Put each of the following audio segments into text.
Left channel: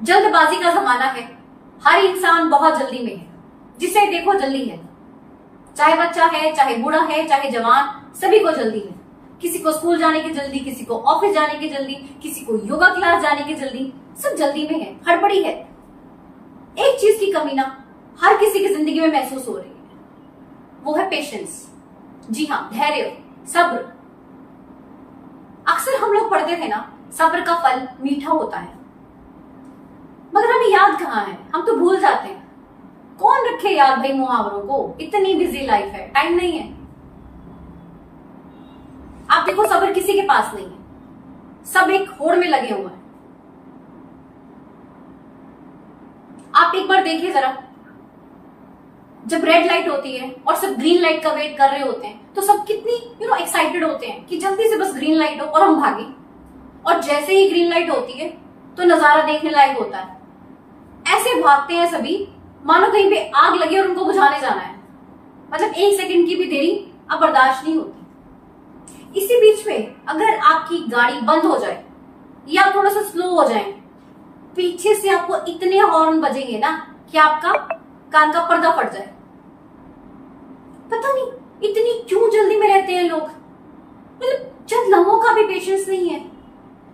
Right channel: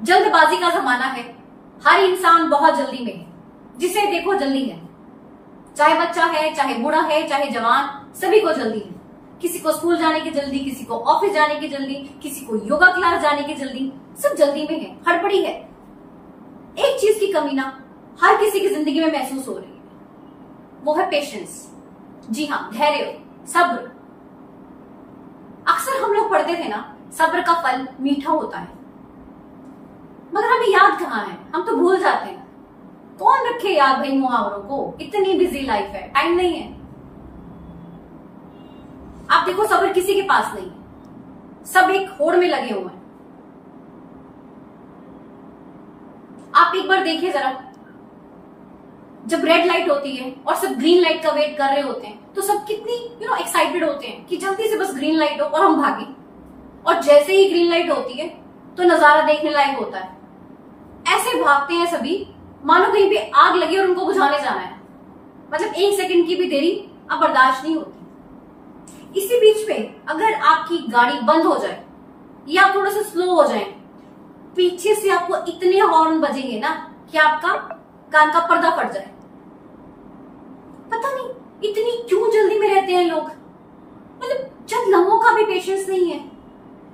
जल्दबाजी का जमाना है, हर इंसान बहुत जल्दी में है, जिसे देखो जल्दी है। चाहे बच्चा है, चाहे बूढ़ा है, चाहे जवान, सभी को जल्दी है। किसी को स्कूल जाने की जल्दी, किसी को ऑफिस जाने की जल्दी, किसी को योगा क्लास जाने की जल्दी, सब जल्दी में है, हड़बड़ी है। एक चीज की कमी ना हर किसी की जिंदगी में महसूस हो रही है, वो है पेशेंस। जी हाँ, धैर्य, सब्र। अक्सर हम लोग पढ़ते थे ना, सब्र का फल मीठा होता है, मगर हमें याद कहाँ है, हम तो भूल जाते हैं। कौन रखे याद भाई मुहावरों को, इतनी बिजी लाइफ है, टाइम नहीं है। आप देखो, सब्र किसी के पास नहीं है, सब एक होड़ में लगे हुए हैं। आप एक बार देखिए जरा, जब रेड लाइट होती है और सब ग्रीन लाइट का वेट कर रहे होते हैं, तो सब कितनी एक्साइटेड होते हैं कि जल्दी से बस ग्रीन लाइट हो और हम भागे। और जैसे ही ग्रीन लाइट होती है तो नजारा देखने लायक होता है। ऐसे भागते हैं सभी मानो कहीं पे आग लगी और उनको बुझाने जाना है। मतलब एक सेकंड की भी देरी अब बर्दाश्त नहीं होती। इसी बीच में अगर आपकी गाड़ी बंद हो जाए या आप थोड़ा सा स्लो हो जाए, पीछे से आपको इतने हॉर्न बजेंगे ना कि आपका कान का पर्दा फट जाए। पता नहीं इतनी क्यों जल्दी में रहते हैं लोग। मतलब चंद लम्हों का भी पेशेंस नहीं है।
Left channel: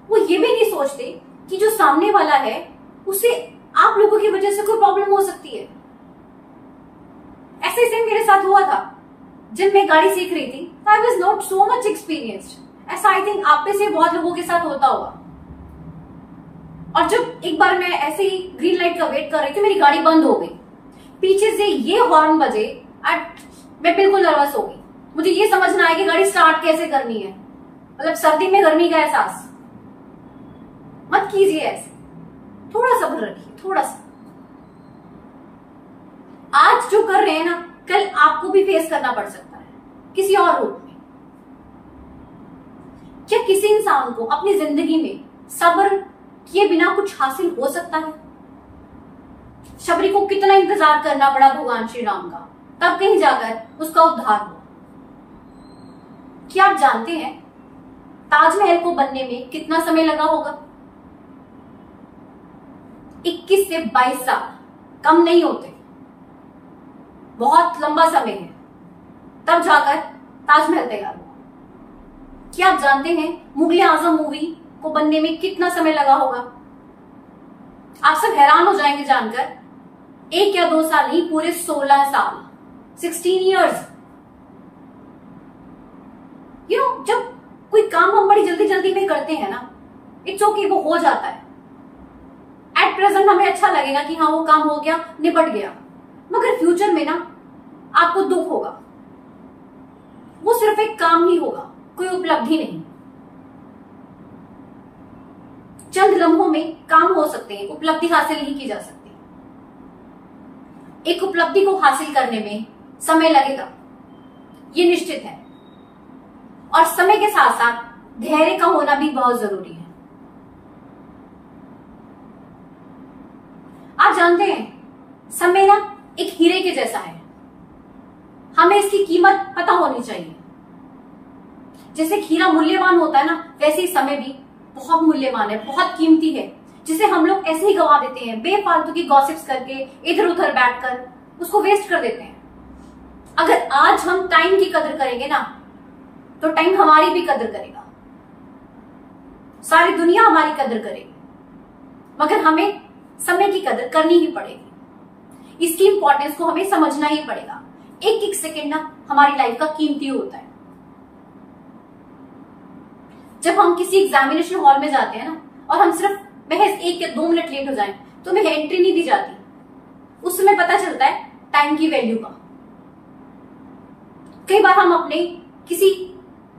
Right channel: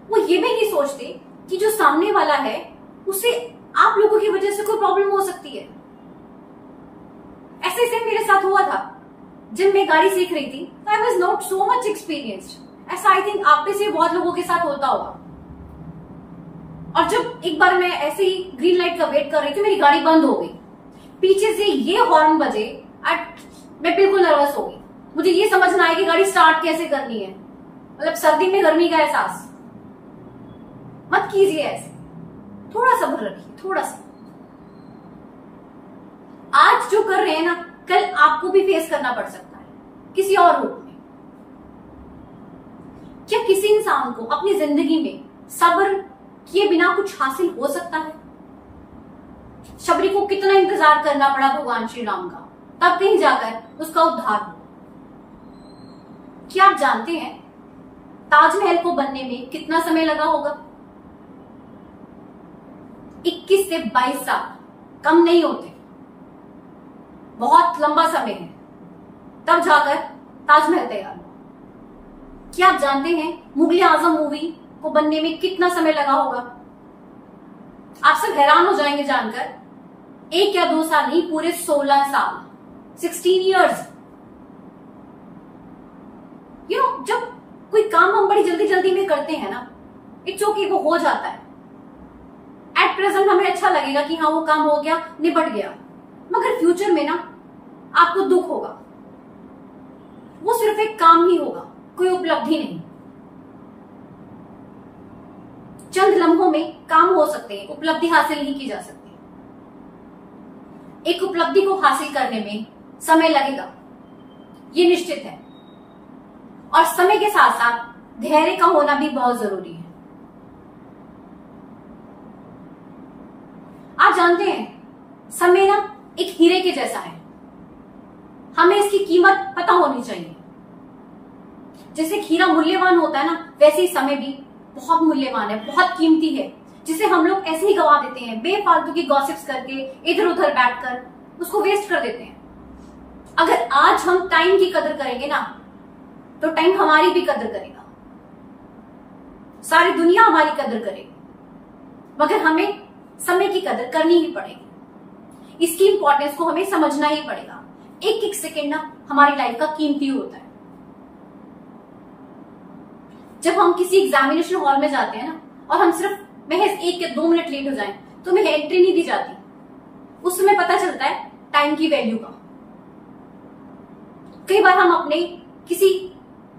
वो ये भी नहीं सोचते कि जो सामने वाला है उसे आप लोगों की वजह से कोई प्रॉब्लम हो सकती है। ऐसे सेम मेरे साथ हुआ था जब मैं गाड़ी सीख रही थी। I was not so much experienced. ऐसा आई थिंक आप में से बहुत लोगों के साथ होता होगा। और जब एक बार मैं ऐसे ही ग्रीन लाइट का वेट कर रही थी, मेरी गाड़ी बंद हो गई, पीछे से ये हॉर्न बजे एंड मैं बिल्कुल नर्वस हो गई। मुझे ये समझ ना आया कि गाड़ी स्टार्ट कैसे करनी है। मतलब सर्दी में गर्मी का एहसास मत कीजिए ऐसे, थोड़ा सब्र रखिए, थोड़ा सा। आज जो कर रहे हैं ना, कल आपको भी फेस करना पड़ सकता है किसी और रूप में। क्या किसी इंसान को अपनी जिंदगी में सब्र किए बिना कुछ हासिल हो सकता है? शबरी को कितना इंतजार करना पड़ा भगवान श्री राम का, तब कहीं जाकर उसका उद्धार हुआ। क्या आप जानते हैं ताजमहल को बनने में कितना समय लगा होगा? 21 से 22 साल, कम नहीं होते, बहुत लंबा समय है। तब जाकर ताजमहल तैयार हुआ। क्या आप जानते हैं मुगले आजम मूवी को बनने में कितना समय लगा होगा? आप सब हैरान हो जाएंगे जानकर, 1 या 2 साल नहीं, पूरे 16 साल, 16 इयर्स। जब कोई काम हम बड़ी जल्दी जल्दी में करते हैं ना, इट्स ओके, वो हो जाता है। एट प्रेजेंट हमें अच्छा लगेगा कि हाँ वो काम हो गया, निपट गया, मगर फ्यूचर में ना आपको दुख होगा। वो सिर्फ एक काम ही होगा, कोई उपलब्धि नहीं। चंद लम्हों में काम हो सकते हैं, उपलब्धि हासिल नहीं की जा सकती। एक उपलब्धि को हासिल करने में समय लगेगा, ये निश्चित है। और समय के साथ साथ धैर्य का होना भी बहुत जरूरी है। आप जानते हैं समय ना एक हीरे के जैसा है, हमें इसकी कीमत पता होनी चाहिए। जैसे हीरा मूल्यवान होता है ना, वैसे ही समय भी बहुत मूल्यवान है, बहुत कीमती है, जिसे हम लोग ऐसे ही गवा देते हैं, बेफालतू की गॉसिप्स करके, इधर उधर बैठकर उसको वेस्ट कर देते हैं। अगर आज हम टाइम की कदर करेंगे ना, तो टाइम हमारी भी कदर करेगा, सारी दुनिया हमारी कदर करेगी, मगर हमें समय की कदर करनी ही पड़ेगी। इसकी इंपॉर्टेंस को हमें समझना ही पड़ेगा। एक एक सेकेंड ना हमारी लाइफ का कीमती होता है। जब हम किसी एग्जामिनेशन हॉल में जाते हैं ना, और हम सिर्फ महज 1 या 2 मिनट लेट हो जाएं, तो हमें एंट्री नहीं दी जाती। उस समय पता चलता है टाइम की वैल्यू का। कई बार हम अपने किसी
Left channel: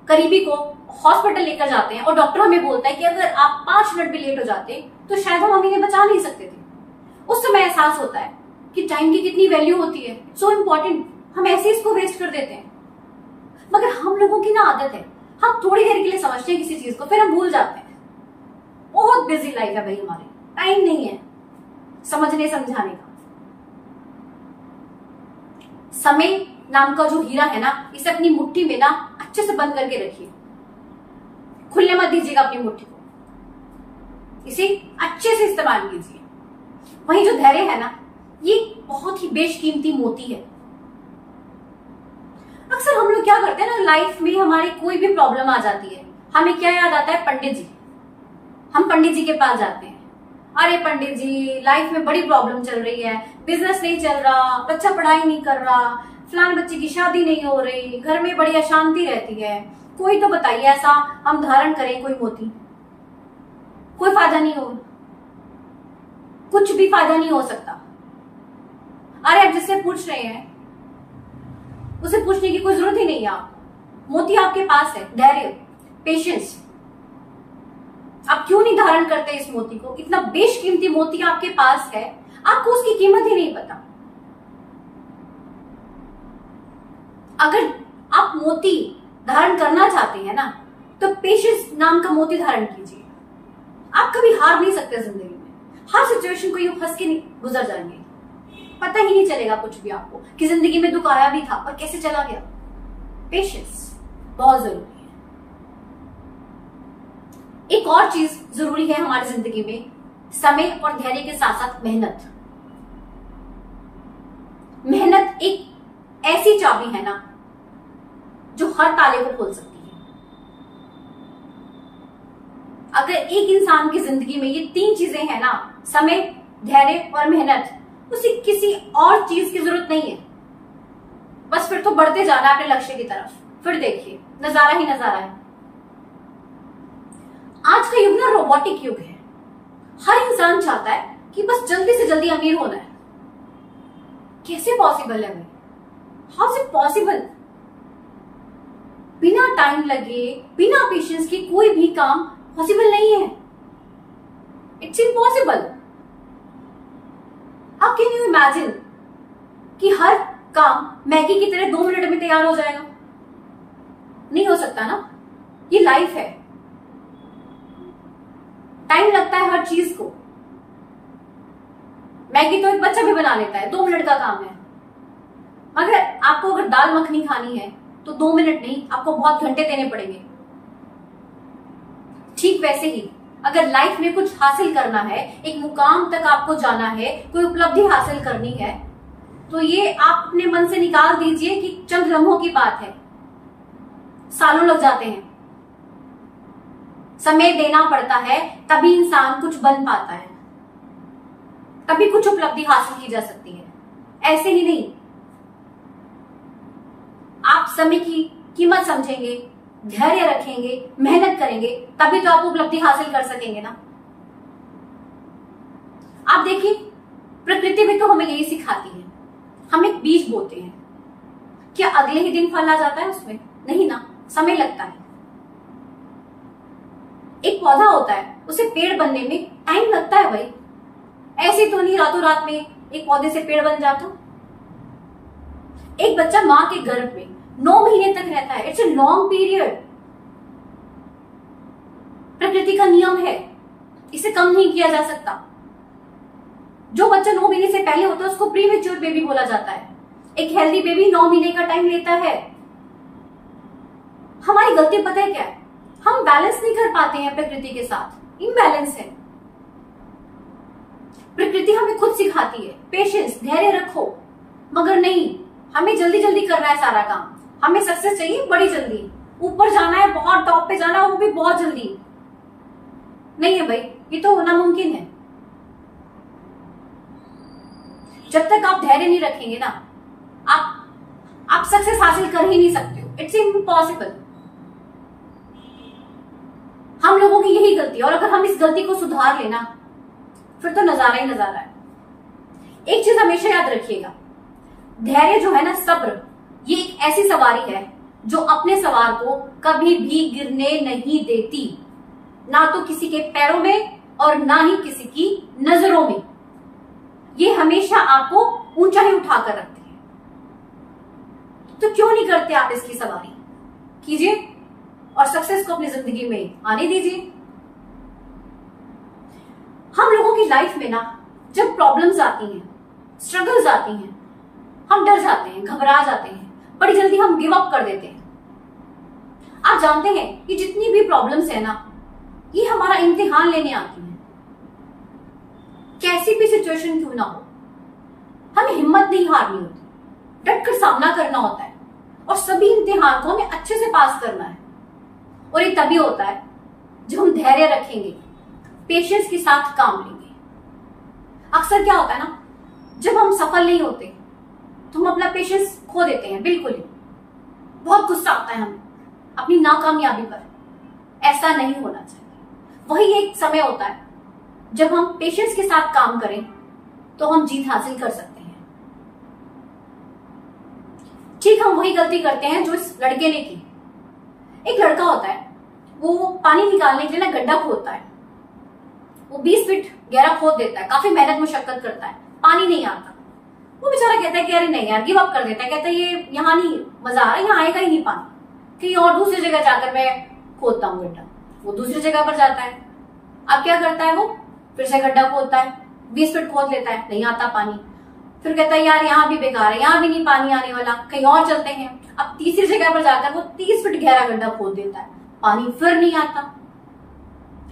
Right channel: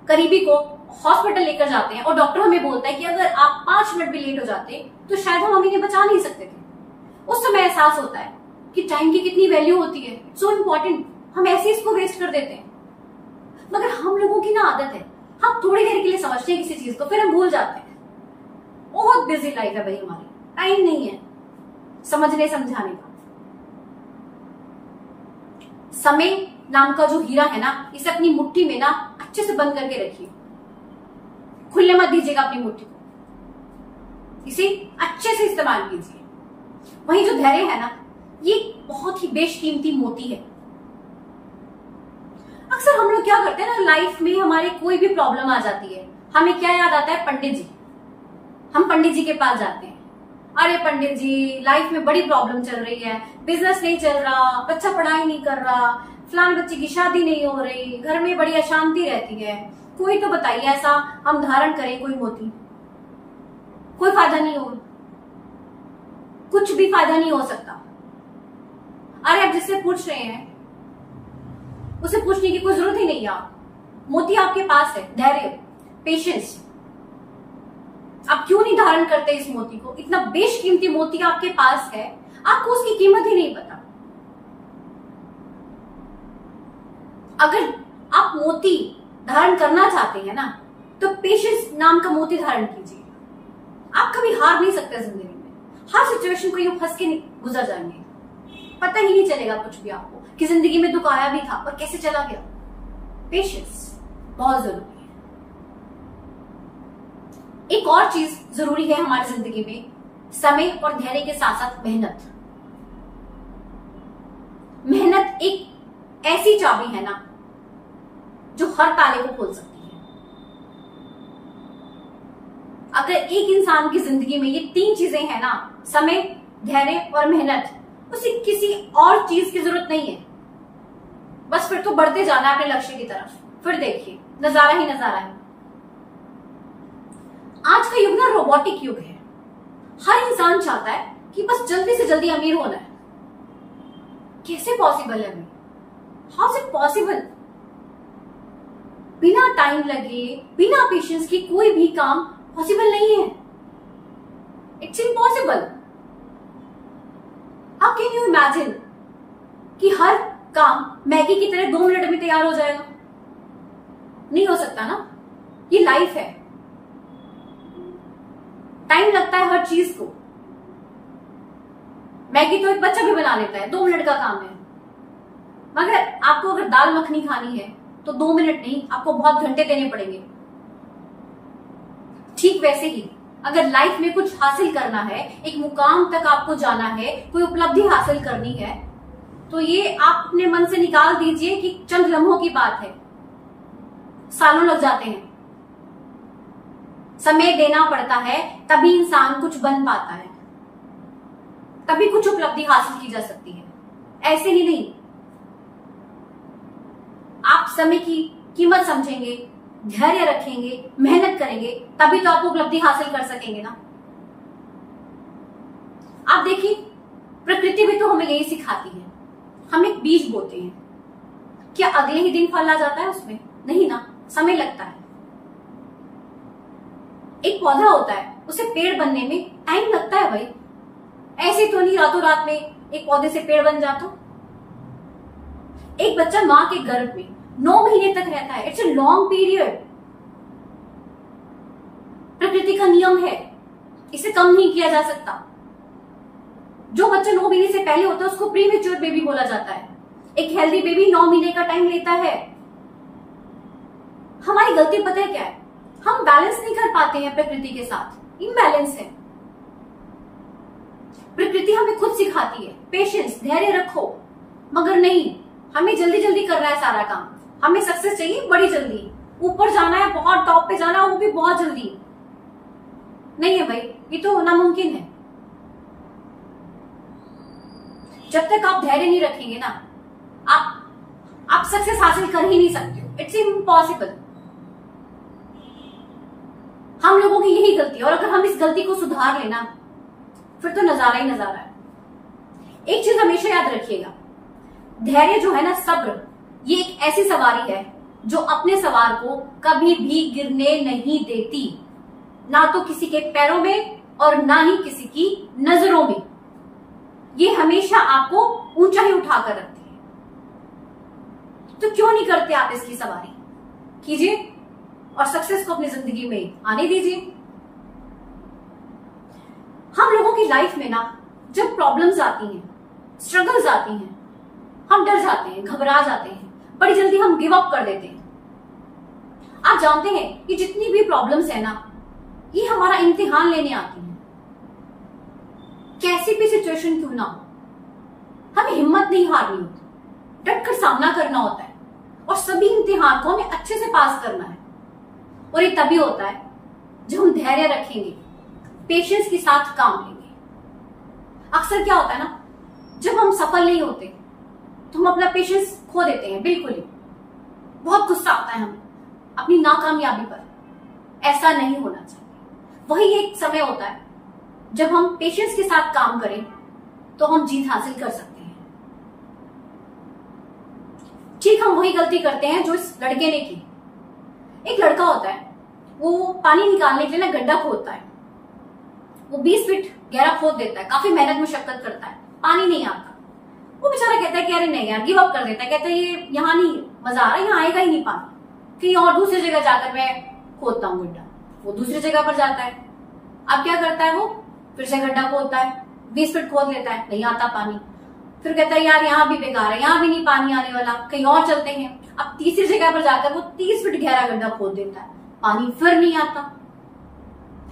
करीबी को हॉस्पिटल लेकर जाते हैं और डॉक्टर हमें बोलता है कि अगर आप 5 मिनट भी लेट हो जाते तो शायद हम इन्हें बचा नहीं सकते थे। उस समय एहसास होता है कि टाइम की कितनी वैल्यू होती है, सो इम्पोर्टेंट। हम ऐसे इसको वेस्ट कर देते हैं। मगर हम लोगों की ना आदत है, हम थोड़ी देर के लिए समझते हैं किसी चीज को, फिर हम भूल जाते हैं। बहुत बिजी लाइफ है भाई हमारी, टाइम नहीं है समझने समझाने का। समय नाम का जो हीरा है ना, इसे अपनी मुट्ठी में ना अच्छे से बंद करके रखिए, खुलने मत दीजिएगा अपनी मुट्ठी को, इसे अच्छे से इस्तेमाल कीजिए। वही जो धैर्य है ना, ये बहुत ही बेशकीमती मोती है। अक्सर हम लोग क्या करते हैं ना, लाइफ में हमारे कोई भी प्रॉब्लम आ जाती है, हमें क्या याद आता है? पंडित जी। हम पंडित जी के पास जाते हैं, अरे पंडित जी लाइफ में बड़ी प्रॉब्लम चल रही है, बिजनेस नहीं चल रहा, बच्चा पढ़ाई नहीं कर रहा, फलाने बच्चे की शादी नहीं हो रही, घर में बड़ी अशांति रहती है, कोई तो बताइए ऐसा हम धारण करें कोई मोती। कोई फायदा नहीं हो, कुछ भी फायदा नहीं हो सकता। अरे आप जिससे पूछ रहे हैं उसे पूछने की कोई जरूरत ही नहीं है। आप मोती आपके पास है, धैर्य, पेशेंस। आप क्यों नहीं धारण करते इस मोती को? इतना बेशकीमती मोती आपके पास है, आपको उसकी कीमत ही नहीं पता। अगर आप मोती धारण करना चाहते हैं ना, तो पेशेंस नाम का मोती धारण कीजिए। आप कभी हार नहीं सकते जिंदगी में, हर सिचुएशन को यूं हंस के गुजर जाएंगे, पता ही नहीं चलेगा कुछ भी आपको कि जिंदगी में दुख आया भी था और कैसे चला गया। पेशेंस बहुत जरूरी है। एक और चीज जरूरी है हमारी जिंदगी में, समय और धैर्य के साथ साथ मेहनत। मेहनत एक ऐसी चाबी है ना जो हर ताले को खोल सकती है। अगर एक इंसान की जिंदगी में ये 3 चीजें हैं ना, समय, धैर्य और मेहनत, उसे किसी और चीज की जरूरत नहीं है। बस फिर तो बढ़ते जाना अपने लक्ष्य की तरफ। फिर देखिए नजारा ही नजारा है। आज का युग ना रोबोटिक युग है। हर इंसान चाहता है कि बस जल्दी से जल्दी अमीर होना है। कैसे पॉसिबल है भाई? How is it possible? बिना टाइम लगे, बिना पेशेंस के कोई भी काम पॉसिबल नहीं है। It's impossible. How can you imagine कि हर काम मैगी की तरह 2 मिनट में तैयार हो जाएगा? नहीं हो सकता ना। ये लाइफ है, टाइम लगता है हर चीज को। मैगी तो एक बच्चा भी बना लेता है, 2 मिनट का काम है। मगर आपको अगर दाल मखनी खानी है तो 2 मिनट नहीं, आपको बहुत घंटे देने पड़ेंगे। ठीक वैसे ही अगर लाइफ में कुछ हासिल करना है, एक मुकाम तक आपको जाना है, कोई उपलब्धि हासिल करनी है, तो ये आप अपने मन से निकाल दीजिए कि चंद लम्हों की बात है। सालों लग जाते हैं, समय देना पड़ता है, तभी इंसान कुछ बन पाता है, तभी कुछ उपलब्धि हासिल की जा सकती है। ऐसे ही नहीं। आप समय की कीमत समझेंगे, धैर्य रखेंगे, मेहनत करेंगे, तभी तो आप उपलब्धि हासिल कर सकेंगे ना। आप देखिए प्रकृति भी तो हमें यही सिखाती है। हम एक बीज बोते हैं, क्या अगले ही दिन फल आ जाता है उसमें? नहीं ना, समय लगता है। एक पौधा होता है, उसे पेड़ बनने में टाइम लगता है भाई। ऐसे तो नहीं रातों रात में एक पौधे से पेड़ बन जाता। एक बच्चा मां के गर्भ में 9 महीने तक रहता है। It's a long period. प्रकृति का नियम है, इसे कम नहीं किया जा सकता। जो बच्चा 9 महीने से पहले होता है उसको प्रीमेच्योर बेबी बोला जाता है। एक हेल्दी बेबी 9 महीने का टाइम लेता है। हमारी गलती पता है क्या है? हम बैलेंस नहीं कर पाते हैं प्रकृति के साथ, इम्बैलेंस है। प्रकृति हमें खुद सिखाती है पेशेंस, धैर्य रखो, मगर नहीं, हमें जल्दी जल्दी करना है सारा काम। हमें सक्सेस चाहिए बड़ी जल्दी, ऊपर जाना है, बहुत टॉप पे जाना है, वो भी बहुत जल्दी। नहीं है भाई, ये तो नामुमकिन है। जब तक आप धैर्य नहीं रखेंगे ना, आप सक्सेस हासिल कर ही नहीं सकते हो। It's impossible. हम लोगों की यही गलती है, और अगर हम इस गलती को सुधार लेना, फिर तो नजारा ही नजारा है। एक चीज हमेशा याद रखिएगा, धैर्य जो है ना, सब्र, ये एक ऐसी सवारी है जो अपने सवार को कभी भी गिरने नहीं देती, ना तो किसी के पैरों में और ना ही किसी की नजरों में। ये हमेशा आपको ऊंचा ही उठाकर रखती है। तो क्यों नहीं करते आप इसकी सवारी? कीजिए और सक्सेस को अपनी जिंदगी में आने दीजिए। हम लोगों की लाइफ में ना, जब प्रॉब्लम्स आती हैं, स्ट्रगल्स आती हैं, हम डर जाते हैं, घबरा जाते हैं, बड़ी जल्दी हम गिव अप कर देते हैं। आप जानते हैं कि जितनी भी प्रॉब्लम्स है ना, ये हमारा इम्तिहान लेने आती हैं। कैसी भी सिचुएशन क्यों ना हो, हमें हिम्मत नहीं हारनी होती, डट कर सामना करना होता है और सभी इम्तिहान को हमें अच्छे से पास करना है। और ये तभी होता है जब हम धैर्य रखेंगे, पेशेंस के साथ काम लेंगे। अक्सर क्या होता है ना, जब हम सफल नहीं होते तो हम अपना पेशेंस खो देते हैं, बिल्कुल ही। बहुत गुस्सा आता है हमें अपनी नाकामयाबी पर। ऐसा नहीं होना चाहिए। वही एक समय होता है जब हम पेशेंस के साथ काम करें तो हम जीत हासिल कर सकते हैं। ठीक हम वही गलती करते हैं जो इस लड़के ने की। एक लड़का होता है, वो पानी निकालने के लिए ना गड्ढा खोदता है। वो 20 फीट गहरा खोद देता है, काफी मेहनत मुशक्कत करता है, पानी नहीं आता। वो बेचारा कहता है कि अरे नहीं यार, गिव अप कर देता है। कहता है ये यहाँ नहीं मजा आ रहा, यहाँ आएगा ही नहीं पानी, कहीं और दूसरी जगह जाकर मैं खोदता हूँ गड्ढा। वो दूसरी जगह पर जाता है। अब क्या करता है, वो फिर से गड्ढा खोदता है, 20 फीट खोद लेता है, नहीं आता पानी। फिर कहता है यार यहाँ भी बेकार है, यहाँ भी नहीं पानी आने वाला, कहीं और चलते हैं। अब तीसरी जगह पर जाकर वो 30 फीट गहरा गड्ढा खोद देता है, पानी फिर नहीं आता।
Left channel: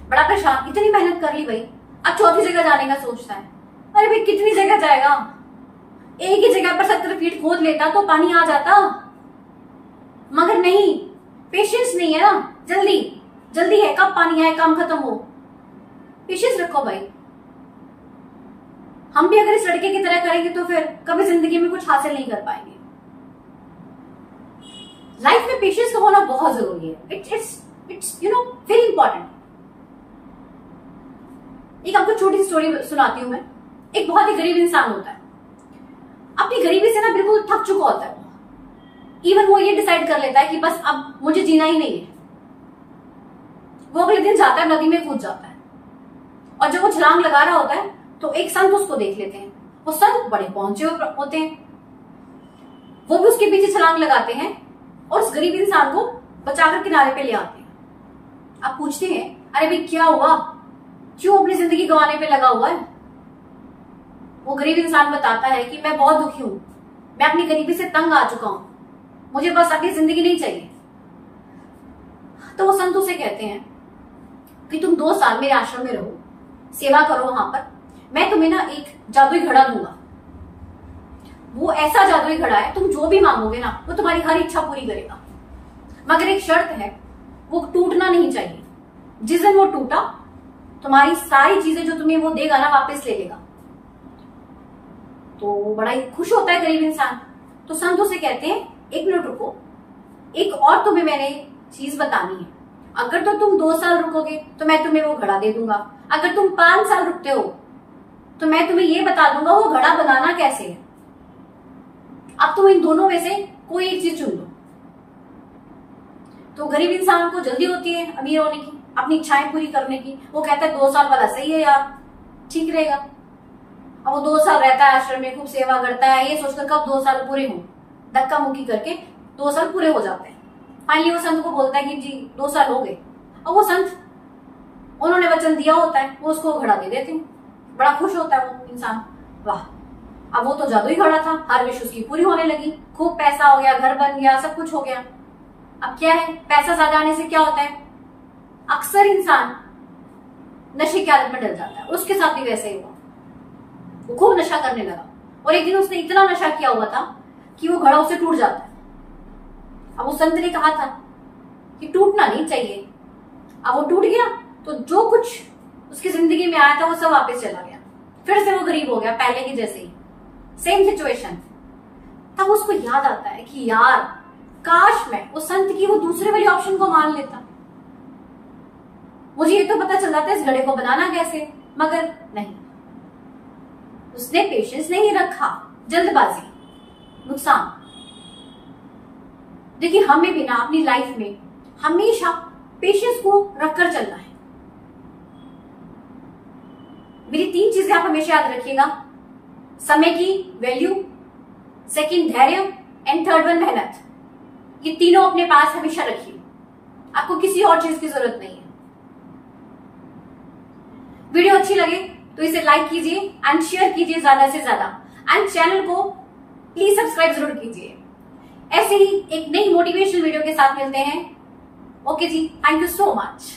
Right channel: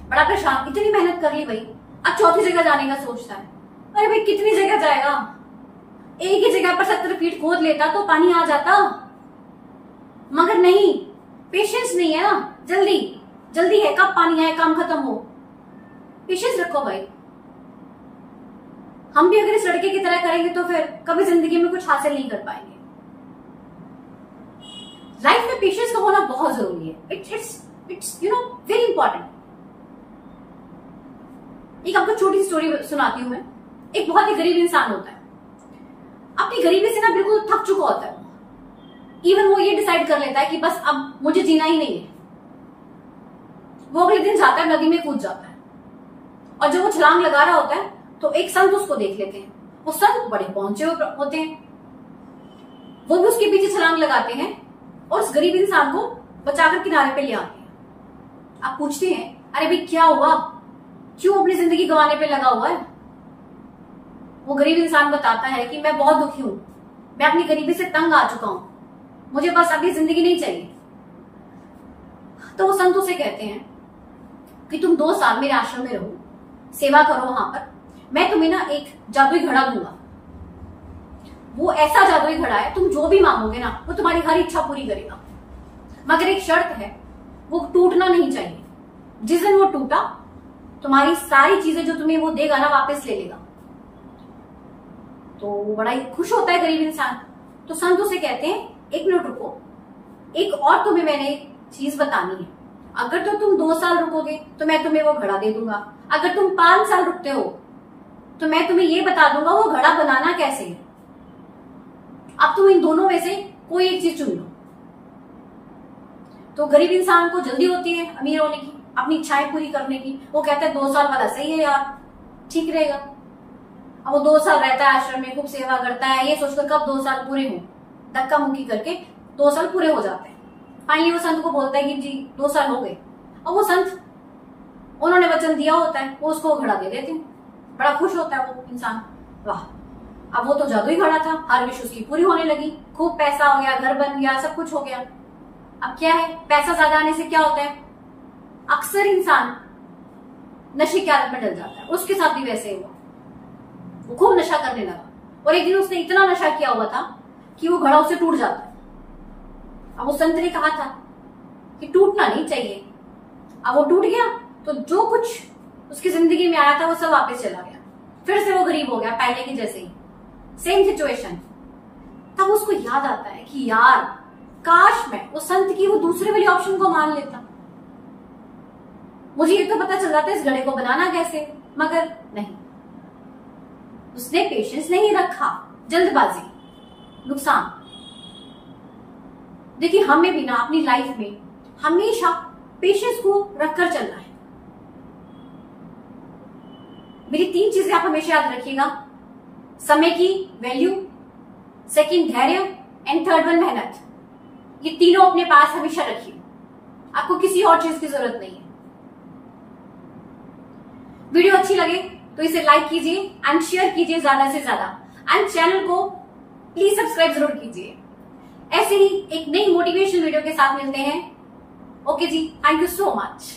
बड़ा परेशान, इतनी मेहनत कर ली भाई, अब चौथी जगह जाने का सोचता है। अरे भाई कितनी जगह जाएगा, एक ही जगह पर 70 फीट खोद लेता तो पानी आ जाता। मगर नहीं, पेशेंस नहीं है ना, जल्दी है, कब पानी आए, काम खत्म हो। पेशेंस रखो भाई। हम भी अगर इस लड़के की तरह करेंगे तो फिर कभी जिंदगी में कुछ हासिल नहीं कर पाएंगे। लाइफ में पेशेंस का होना बहुत जरूरी है। It's very important. एक आपको छोटी सी स्टोरी सुनाती हूं मैं। एक बहुत ही गरीब इंसान होता है, अपनी गरीबी से ना बिल्कुल थक चुका होता है। इवन वो ये डिसाइड कर लेता है कि बस अब मुझे जीना ही नहीं है। वो अगले दिन जाता है, नदी में कूद जाता है, और जब वो छलांग लगा रहा होता है तो एक संत उसको देख लेते हैं। वो संत बड़े पहुंचे होते हैं, वो भी उसके पीछे छलांग लगाते हैं और उस गरीब इंसान को बचाकर किनारे पे ले आते हैं। आप पूछते हैं अरे भाई क्या हुआ, क्यों अपनी जिंदगी गंवाने पे लगा हुआ है? वो गरीब इंसान बताता है कि मैं बहुत दुखी हूं, मैं अपनी गरीबी से तंग आ चुका हूं, मुझे बस अपनी जिंदगी नहीं चाहिए। तो वो संत उसे कहते हैं कि तुम 2 साल मेरे आश्रम में रहो, सेवा करो वहां पर, मैं तुम्हें ना एक जादुई घड़ा दूंगा। वो ऐसा जादुई घड़ा है, तुम जो भी मांगोगे ना वो तुम्हारी हर इच्छा पूरी करेगा। मगर एक शर्त है, वो टूटना नहीं चाहिए। जिस दिन वो टूटा तुम्हारी सारी चीजें जो तुम्हें वो देगा ना वापस ले लेगा। तो बड़ा ही खुश होता है गरीब इंसान। तो संत उसे कहते हैं 1 मिनट रुको, एक और तुम्हें मैंने चीज बतानी है। अगर तो तुम 2 साल रुकोगे तो मैं तुम्हें वो घड़ा दे दूंगा, अगर तुम 5 साल रुकते हो तो मैं तुम्हें ये बता दूंगा वो घड़ा बनाना कैसे है। अब तुम इन दोनों में से कोई एक चीज चुन लो। तो गरीब इंसान को जल्दी होती है अमीर होने की, अपनी इच्छाएं पूरी करने की। वो कहता है 2 साल वाला सही है यार, ठीक रहेगा। अब वो 2 साल रहता है आश्रम में, खूब सेवा करता है, ये सोचकर कब 2 साल पूरे हों, धक्का मुक्की करके 2 साल पूरे हो जाते हैं। फाइनली वो संत को बोलता है कि जी 2 साल हो गए। अब वो संत, उन्होंने वचन दिया होता है, वो उसको घड़ा दे देते हैं। बड़ा खुश होता है वो इंसान, वाह अब वो तो जादुई घड़ा था, हर विश उसकी पूरी होने लगी, खूब पैसा हो गया, घर बन गया, सब कुछ हो गया। अब क्या है, पैसा ज्यादा आने से क्या होता है, अक्सर इंसान नशे की आदत में डल जाता है। उसके साथ भी वैसे ही हुआ, वो खूब नशा करने लगा और एक दिन उसने इतना नशा किया हुआ था कि वो घड़ा उससे टूट जाता है। अब वो संत ने कहा था कि टूटना नहीं चाहिए। अब वो टूट गया तो जो कुछ उसकी जिंदगी में आया था वो सब वापस चला गया, फिर से वो गरीब हो गया पहले की जैसे ही, सेम सिचुएशन। तब उसको याद आता है कि यार काश मैं उस संत की वो दूसरे वाली ऑप्शन को मान लेता, मुझे ये तो पता चल जाता है इस घड़े को बनाना कैसे। मगर नहीं, उसने पेशेंस नहीं रखा, जल्दबाजी, नुकसान। देखिए हमें भी ना अपनी लाइफ में हमेशा पेशेंस को रखकर चलना है। मेरी 3 चीजें आप हमेशा याद रखिएगा, समय की वैल्यू, सेकंड धैर्य एंड थर्ड वन मेहनत। ये तीनों अपने पास हमेशा रखिए, आपको किसी और चीज की जरूरत नहीं है। वीडियो अच्छी लगे तो इसे लाइक कीजिए एंड शेयर कीजिए ज्यादा से ज्यादा, एंड चैनल को प्लीज सब्सक्राइब जरूर कीजिए। ऐसे ही एक नई मोटिवेशनल वीडियो के साथ मिलते हैं। Okay ji, thank you so much.